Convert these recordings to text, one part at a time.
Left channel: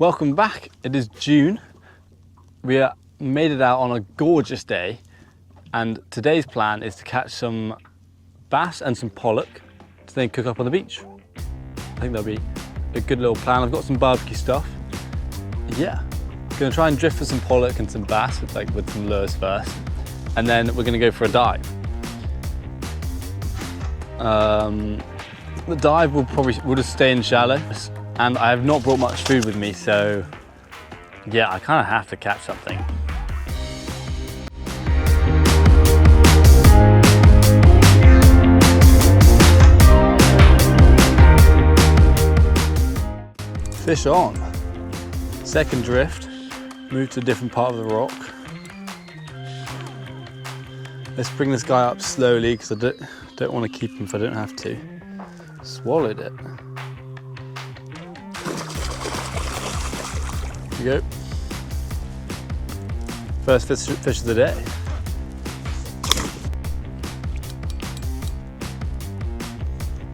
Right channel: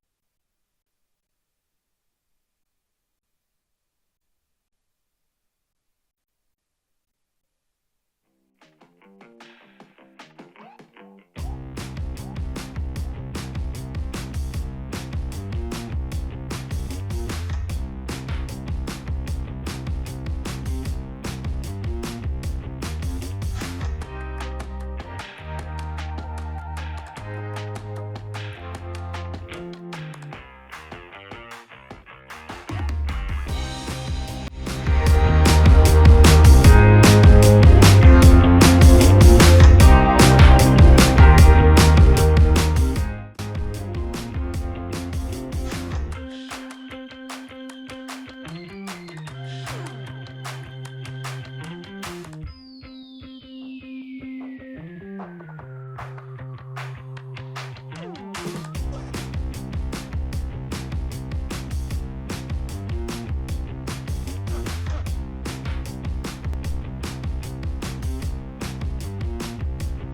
Welcome back. It is June. We made it out on a gorgeous day, and today's plan is to catch some bass and some pollock to then cook up on the beach. I think that'll be a good little plan. I've got some barbecue stuff. Yeah, gonna try and drift for some pollock and some bass, like with some lures first, and then we're gonna go for a dive. The dive will just stay in shallow, and I have not brought much food with me, so yeah, I kind of have to catch something. Fish on. Second drift. Move to a different part of the rock. Let's bring this guy up slowly because I don't want to keep him if I don't have to. Swallowed it. Here we go. First fish of the day.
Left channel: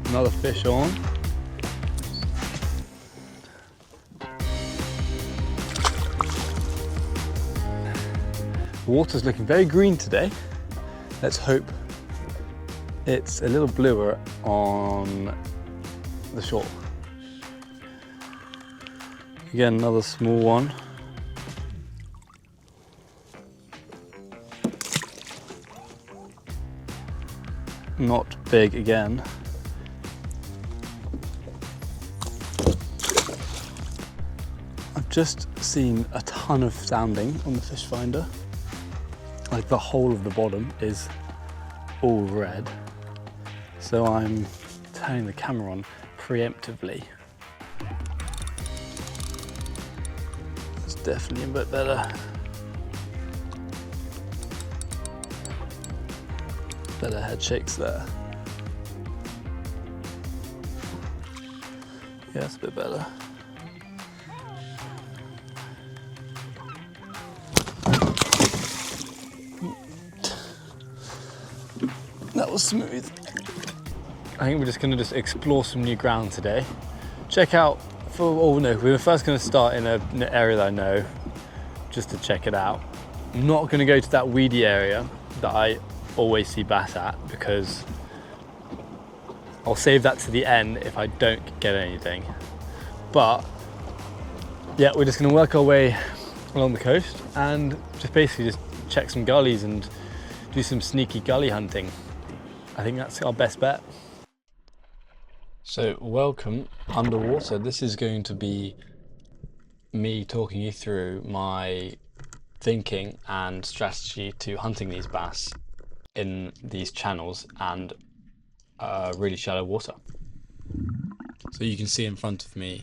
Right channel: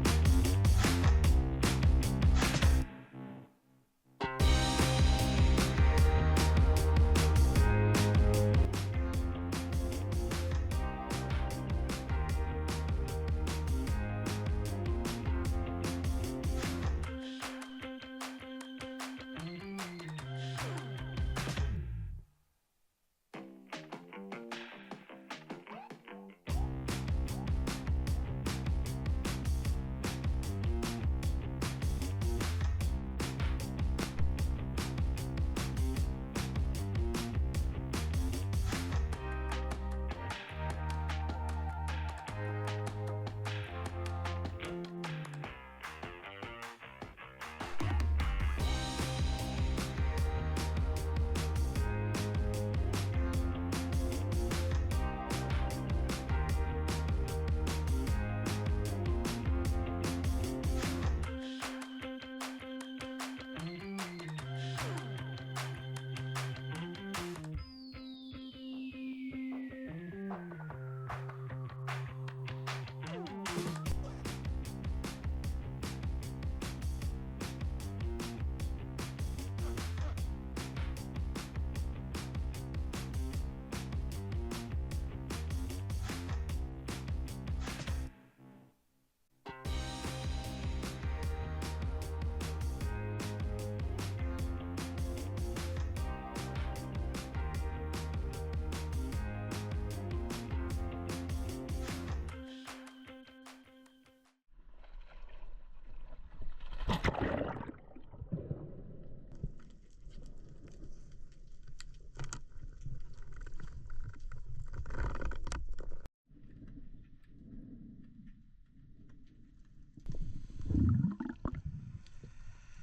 Another fish on. The water's looking very green today. Let's hope it's a little bluer on the shore. Again, another small one. Not big again. I've just seen a ton of sounding on the fish finder. Like the whole of the bottom is all red. So I'm turning the camera on preemptively. It's definitely a bit better. Better head shakes there. Yeah, it's a bit better. That was smooth. I think we're just going to explore some new ground today. Check out, we were first going to start in an area that I know, just to check it out. I'm not going to go to that weedy area that I always see bass at, because I'll save that to the end if I don't get anything. But yeah, we're just going to work our way along the coast and just check some gullies and do some sneaky gully hunting. I think that's our best bet. So welcome underwater. This is going to be me talking you through my thinking and strategy to hunting these bass in these channels and really shallow water. So you can see in front of me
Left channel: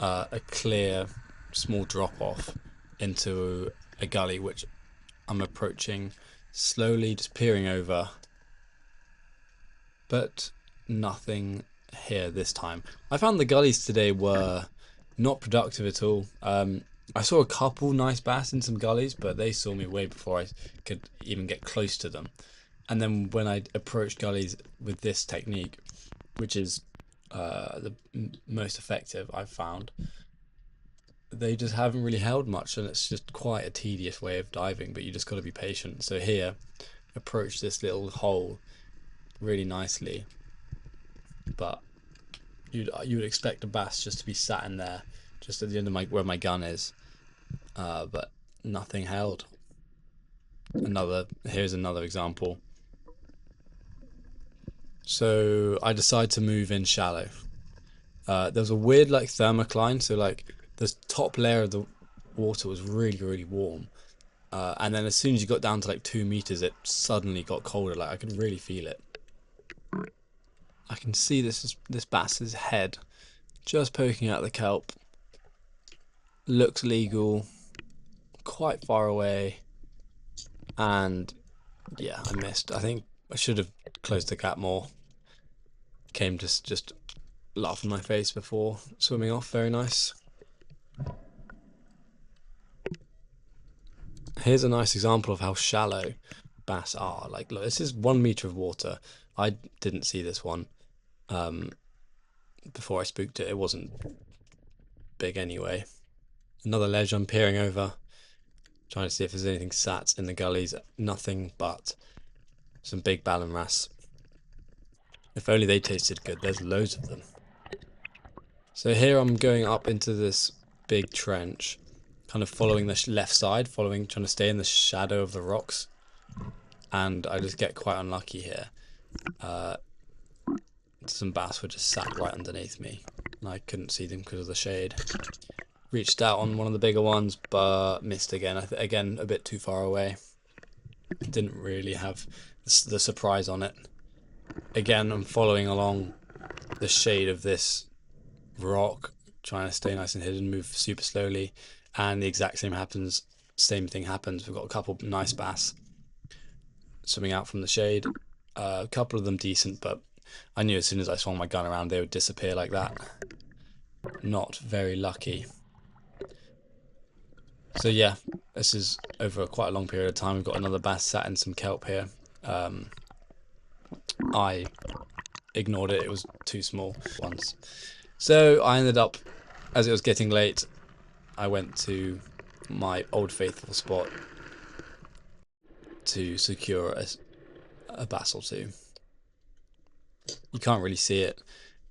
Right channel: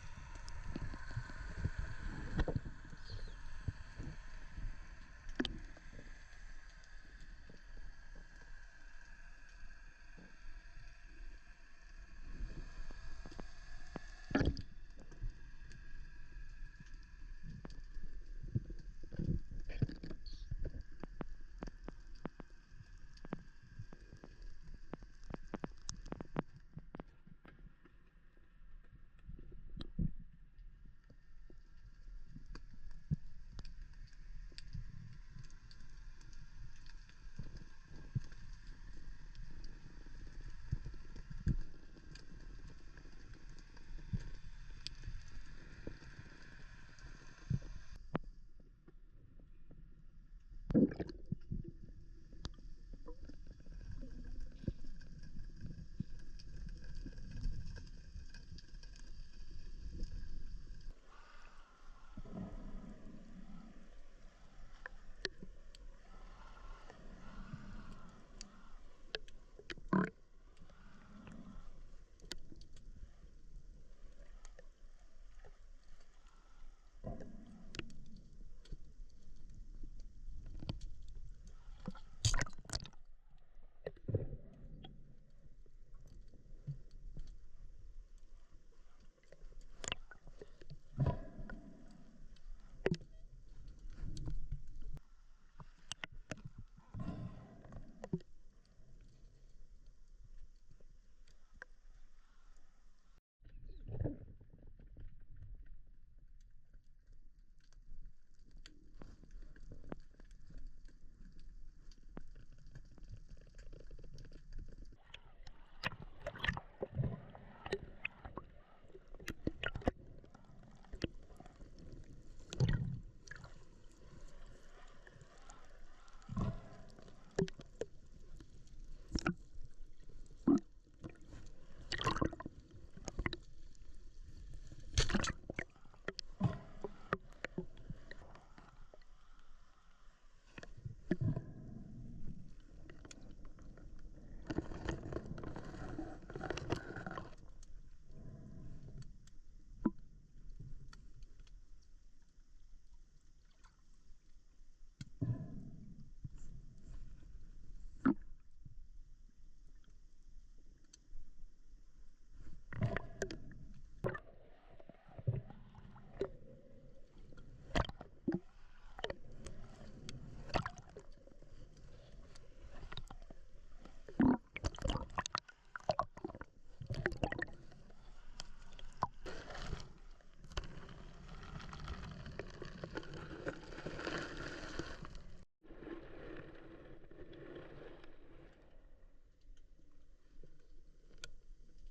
a clear small drop off into a gully which I'm approaching slowly, just peering over, but nothing here this time. I found the gullies today were not productive at all. I saw a couple nice bass in some gullies, but they saw me way before I could even get close to them. And then when I approached gullies with this technique, which is the most effective I've found, they just haven't really held much, and it's just quite a tedious way of diving, but you just got to be patient. So here, approach this little hole really nicely, but you would expect a bass just to be sat in there, just at the end of where my gun is, but nothing held. Here's another example. So I decided to move in shallow. There was a weird like thermocline, so like the top layer of the water was really warm, and then as soon as you got down to like 2 meters, it suddenly got colder. Like I could really feel it. I can see this bass's head just poking out the kelp. Looks legal, quite far away, and yeah, I missed. I think I should have closed the gap more. Came to just laugh in my face before swimming off. Very nice. Here's a nice example of how shallow bass are. Like, look, this is 1 meter of water. I didn't see this one before I spooked it. It wasn't big anyway. Another ledge I'm peering over, trying to see if there's anything sat in the gullies. Nothing but some big ballan wrasse. If only they tasted good. There's loads of them. So here I'm going up into this big trench, kind of following the left side, trying to stay in the shadow of the rocks. And I just get quite unlucky here. Some bass were just sat right underneath me, and I couldn't see them because of the shade. Reached out on one of the bigger ones, but missed again. Again, a bit too far away. Didn't really have the surprise on it. Again, I'm following along the shade of this rock, trying to stay nice and hidden, move super slowly, and the exact same thing happens. We've got a couple nice bass swimming out from the shade. A couple of them decent, but I knew as soon as I swung my gun around they would disappear like that. Not very lucky. So yeah, this is over quite a long period of time. We've got another bass sat in some kelp here. I ignored it, it was too small once. So I ended up, as it was getting late, I went to my old faithful spot to secure a bass or two. You can't really see it,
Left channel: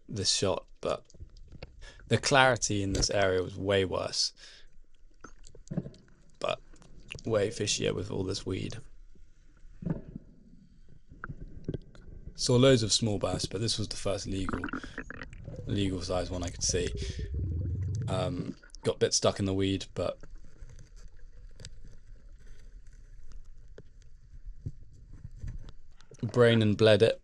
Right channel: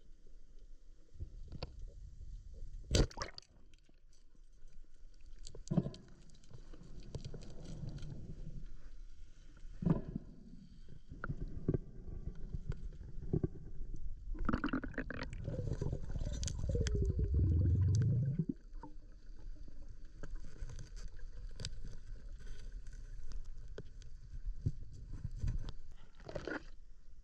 this shot, but the clarity in this area was way worse, but way fishier with all this weed. Saw loads of small bass, but this was the first legal size one I could see. Got a bit stuck in the weed, but brain and bled it.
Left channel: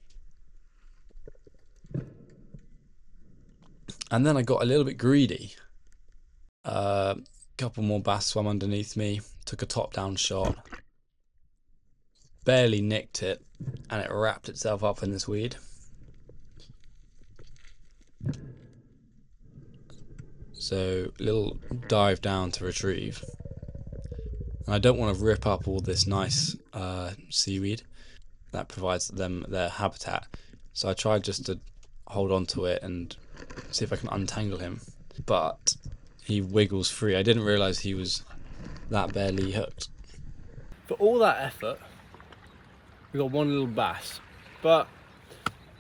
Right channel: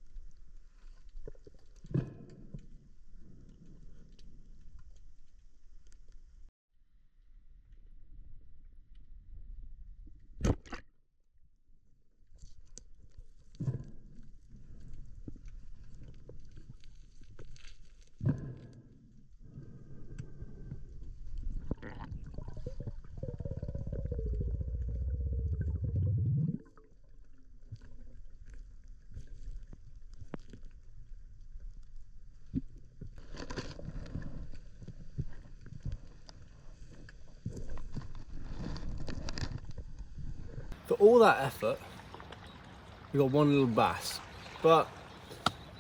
And then I got a little bit greedy. Couple more bass swam underneath me, took a top-down shot, barely nicked it, and it wrapped itself up in this weed. So, little dive down to retrieve. And I don't want to rip up all this nice seaweed that provides them their habitat. So I tried just to hold on to it and see if I can untangle him. But he wiggles free. I didn't realise he was that barely hooked. For all that effort, we got one little bass, but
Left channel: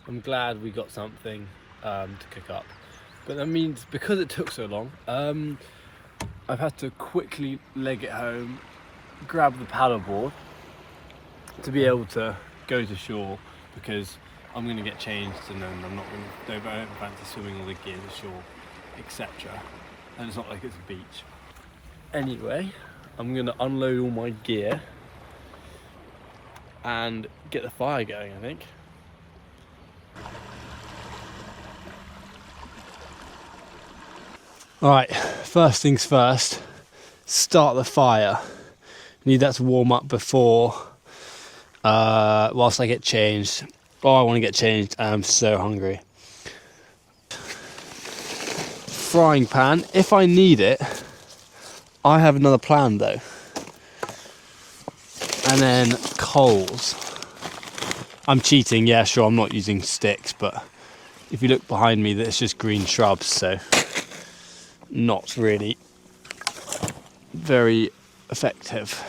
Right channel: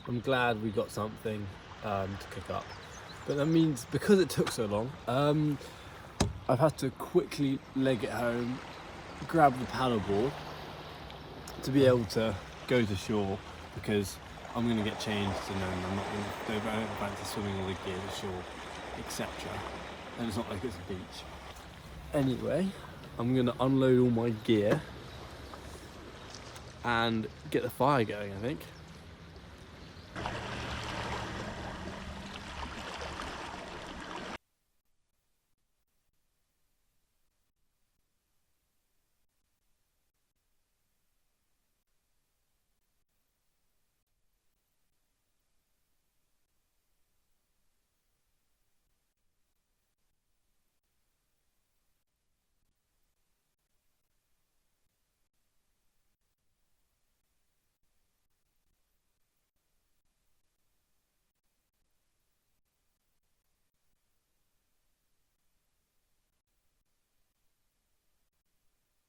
I'm glad we got something to cook up. But that means because it took so long, I've had to quickly leg it home, grab the paddleboard to be able to go to shore, because I'm going to get changed and then I don't fancy swimming all the gear ashore, etc. And it's not like it's a beach. Anyway, I'm going to unload all my gear and get the fire going, I think. Alright, first things first, start the fire. Need that to warm up before, whilst I get changed. Oh, I want to get changed, I'm so hungry. Frying pan, if I need it, I have another plan though. And then coals. I'm cheating, yeah, sure, I'm not using sticks, but if you look behind me, there's just green shrubs, so not really very effective.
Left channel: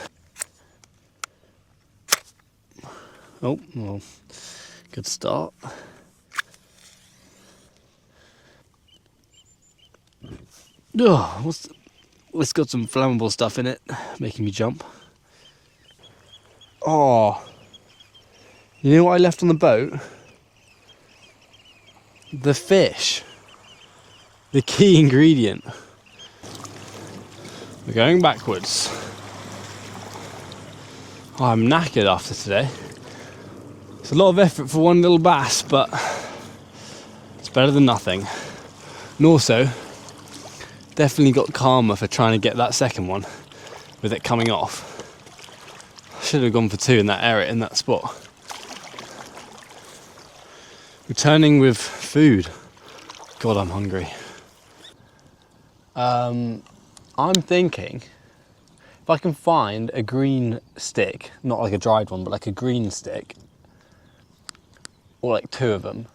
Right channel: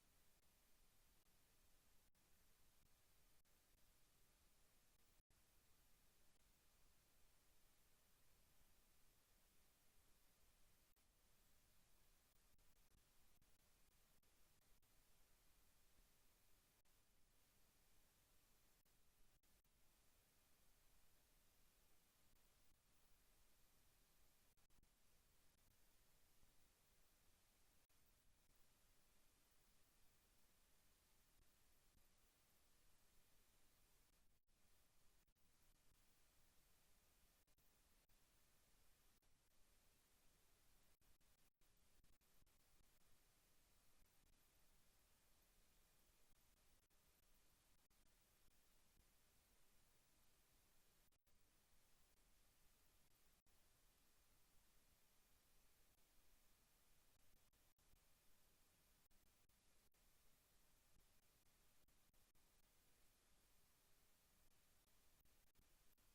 Oh, well, good start. Oh, it's got some flammable stuff in it, making me jump. Oh, you know what I left on the boat? The fish. The key ingredient. We're going backwards. Oh, I'm knackered after today. It's a lot of effort for one little bass, but it's better than nothing. And also, definitely got karma for trying to get that second one with it coming off. I should have gone for two in that area, in that spot. Returning with food. God, I'm hungry. I'm thinking if I can find a green stick, not like a dried one, but like a green stick, or like two of them,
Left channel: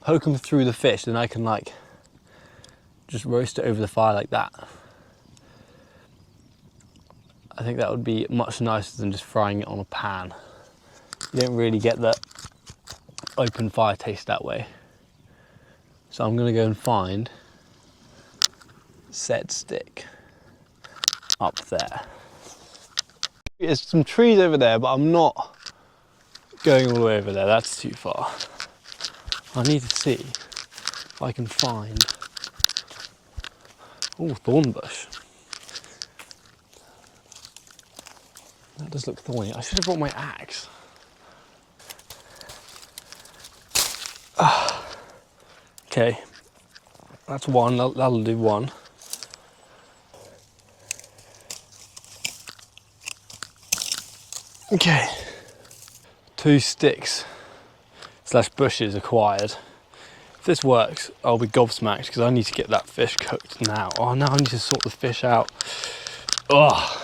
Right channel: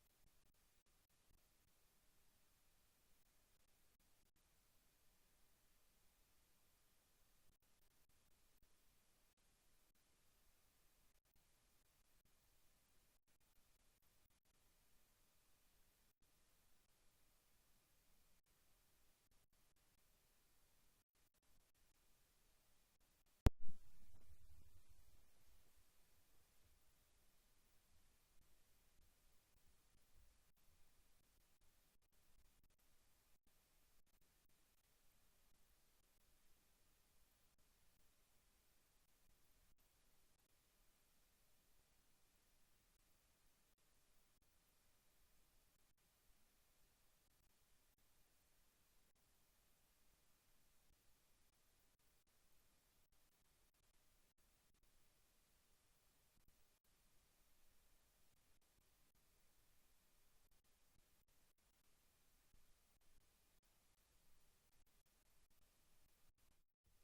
poke them through the fish, then I can like just roast it over the fire like that. I think that would be much nicer than just frying it on a pan. You don't really get that open fire taste that way. So I'm gonna go and find said stick up there. There's some trees over there, but I'm not going all the way over there. That's too far. I need to see if I can find, oh, thorn bush. That does look thorny. I should have brought my axe. Okay, that's one, that'll do one. Okay, 2 sticks / bushes acquired. If this works, I'll be gobsmacked because I need to get that fish cooked now. Oh, now I need to sort the fish out. Oh,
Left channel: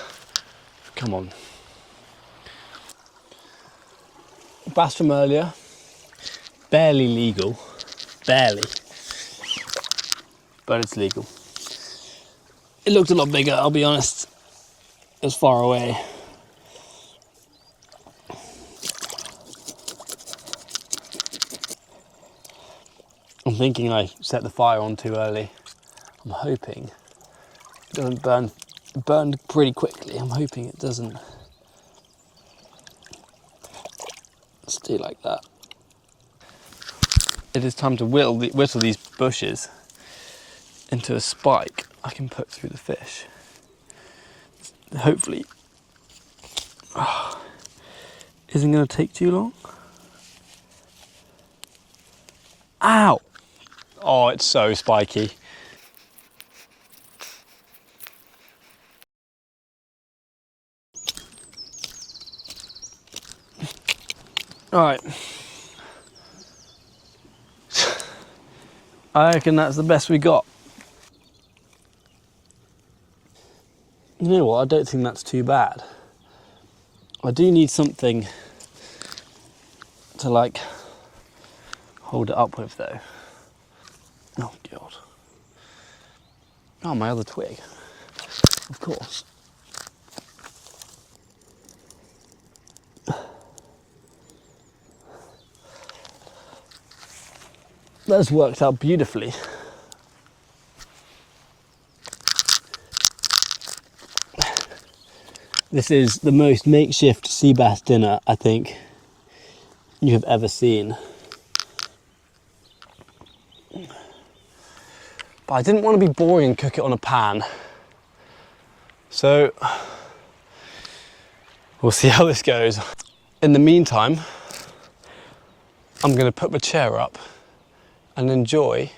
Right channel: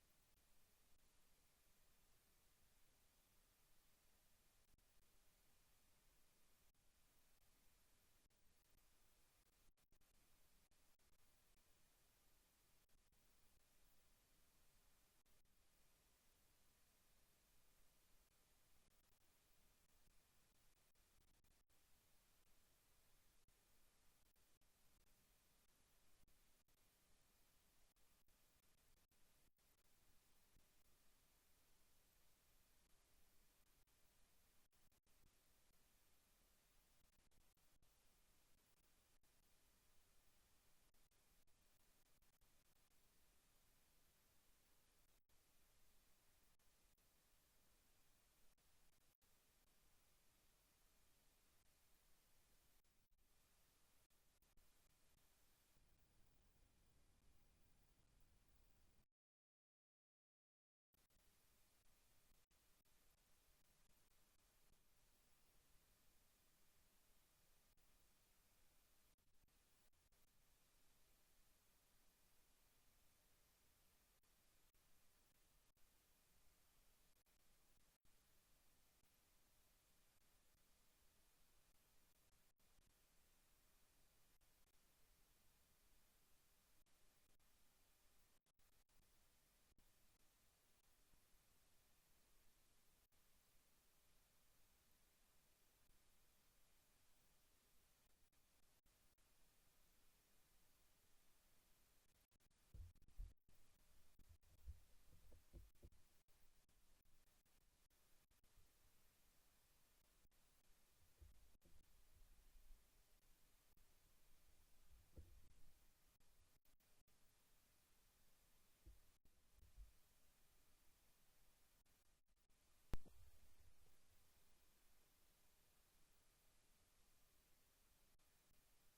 come on. Bass from earlier, barely legal, barely, but it's legal. It looked a lot bigger, I'll be honest. It was far away. I'm thinking I set the fire on too early. I'm hoping it doesn't burn. It burned pretty quickly. I'm hoping it doesn't stay like that. It is time to whittle these bushes into a spike I can put through the fish. Hopefully, isn't going to take too long. Ow! Oh, it's so spiky. All right. I reckon that's the best we got. You know what? I don't think that's too bad. I do need something to like hold it up with though. Oh God. Oh, my other twig. Of course. That's worked out beautifully. This is the most makeshift sea bass dinner I think you have ever seen. But I didn't want to be boring and cook it on a pan. So we'll see how this goes. In the meantime, I'm going to put my chair up and enjoy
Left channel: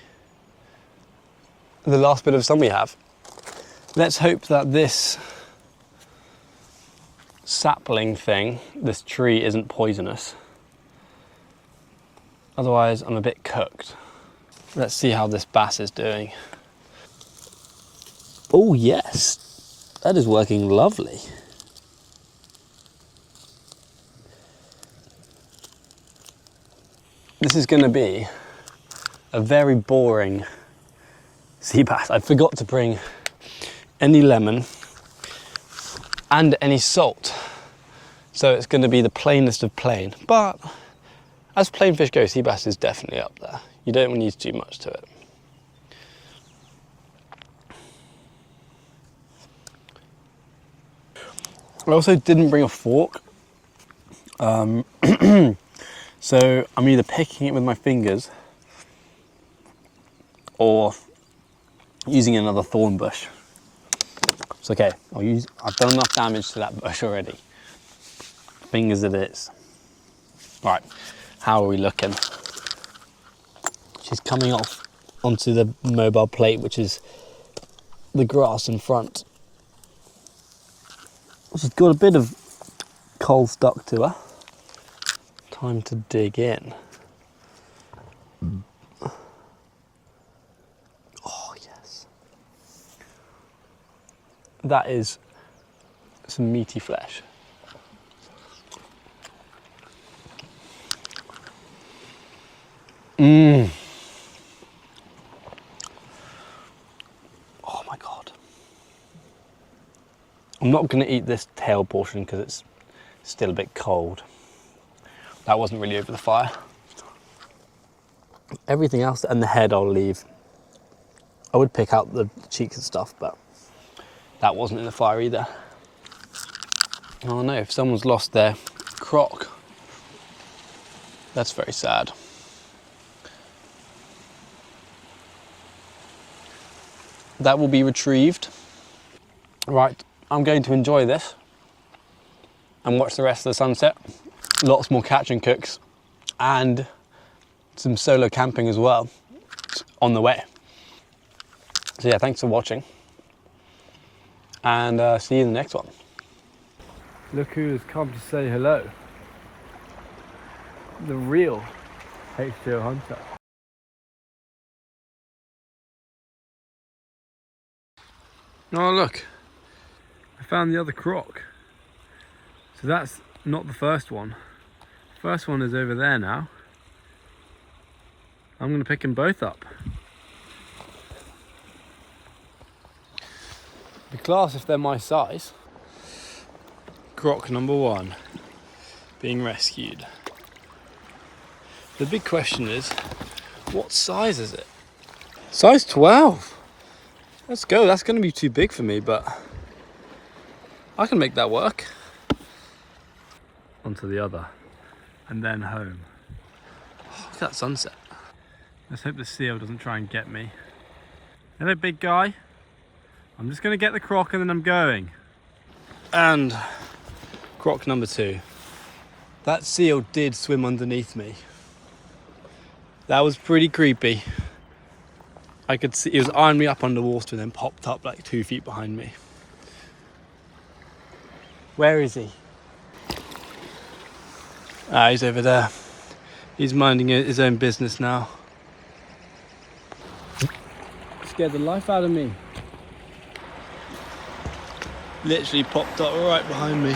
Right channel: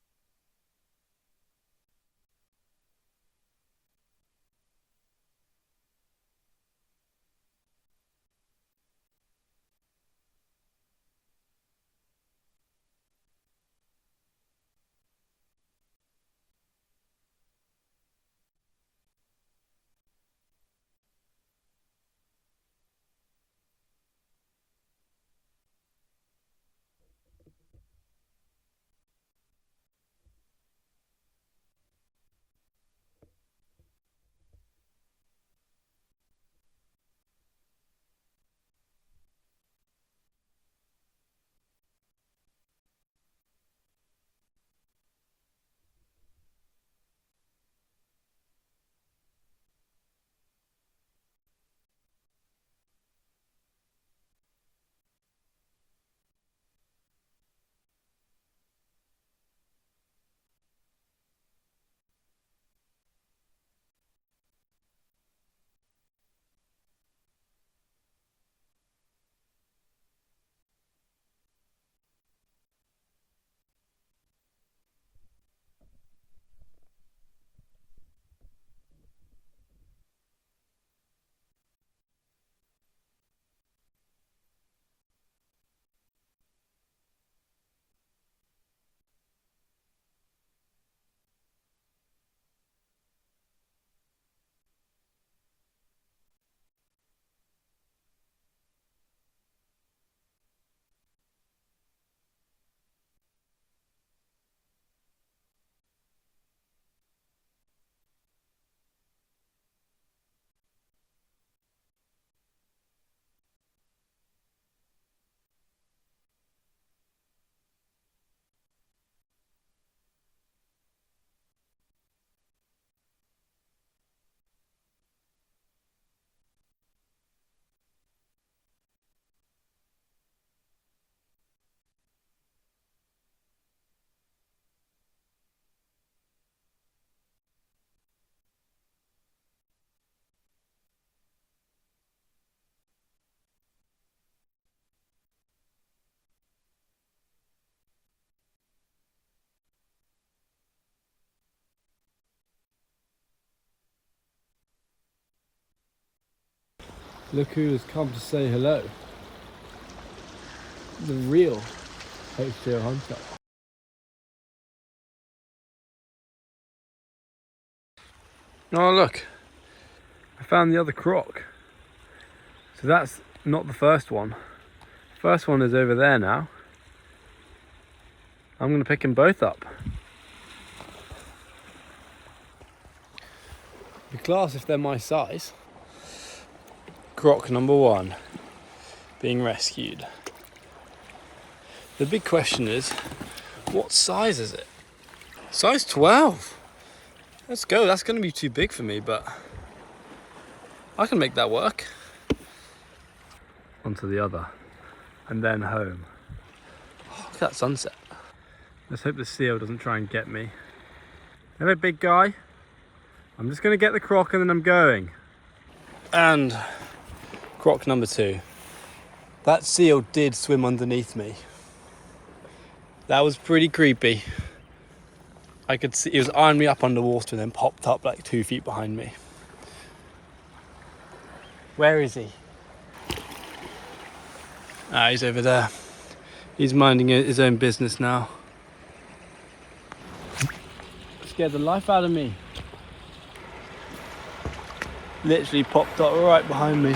the last bit of sun we have. Let's hope that this sapling thing, this tree, isn't poisonous. Otherwise, I'm a bit cooked. Let's see how this bass is doing. Oh yes, that is working lovely. This is going to be a very boring sea bass. I forgot to bring any lemon and any salt. So it's going to be the plainest of plain. But as plain fish go, sea bass is definitely up there. You don't need too much to it. I also didn't bring a fork. So I'm either picking it with my fingers or using another thorn bush. It's okay, I've done enough damage to that bush already. Fingers it is. Right, how are we looking? She's coming off onto the mobile plate, which is the grass in front. She's got a bit of coal stuck to her. Time to dig in. Oh yes. That is some meaty flesh. Mmm. Oh my God. I'm not going to eat this tail portion because it's still a bit cold. That wasn't really over the fire. Everything else and the head I'll leave. I would pick out the cheeks and stuff, but that wasn't in the fire either. Oh no, if someone's lost their croc, that's very sad. That will be retrieved. Right, I'm going to enjoy this and watch the rest of the sunset. Lots more catch and cooks and some solo camping as well on the way. So yeah, thanks for watching and see you in the next one. Look who has come to say hello. The real H2O hunter. Oh look, I found the other croc. So that's not the first one. First one is over there now. I'm going to pick them both up. Be class if they're my size. Croc number 1 being rescued. The big question is, what size is it? Size 12. Let's go. That's going to be too big for me, but I can make that work. Onto the other, and then home. Oh, look at that sunset. Let's hope the seal doesn't try and get me. Hello, big guy. I'm just going to get the croc and then I'm going. And croc number 2. That seal did swim underneath me. That was pretty creepy. I could see he was eyeing me up underwater and then popped up like 2 feet behind me. Where is he? Ah, he's over there. He's minding his own business now. Scared the life out of me. Literally popped up right behind me.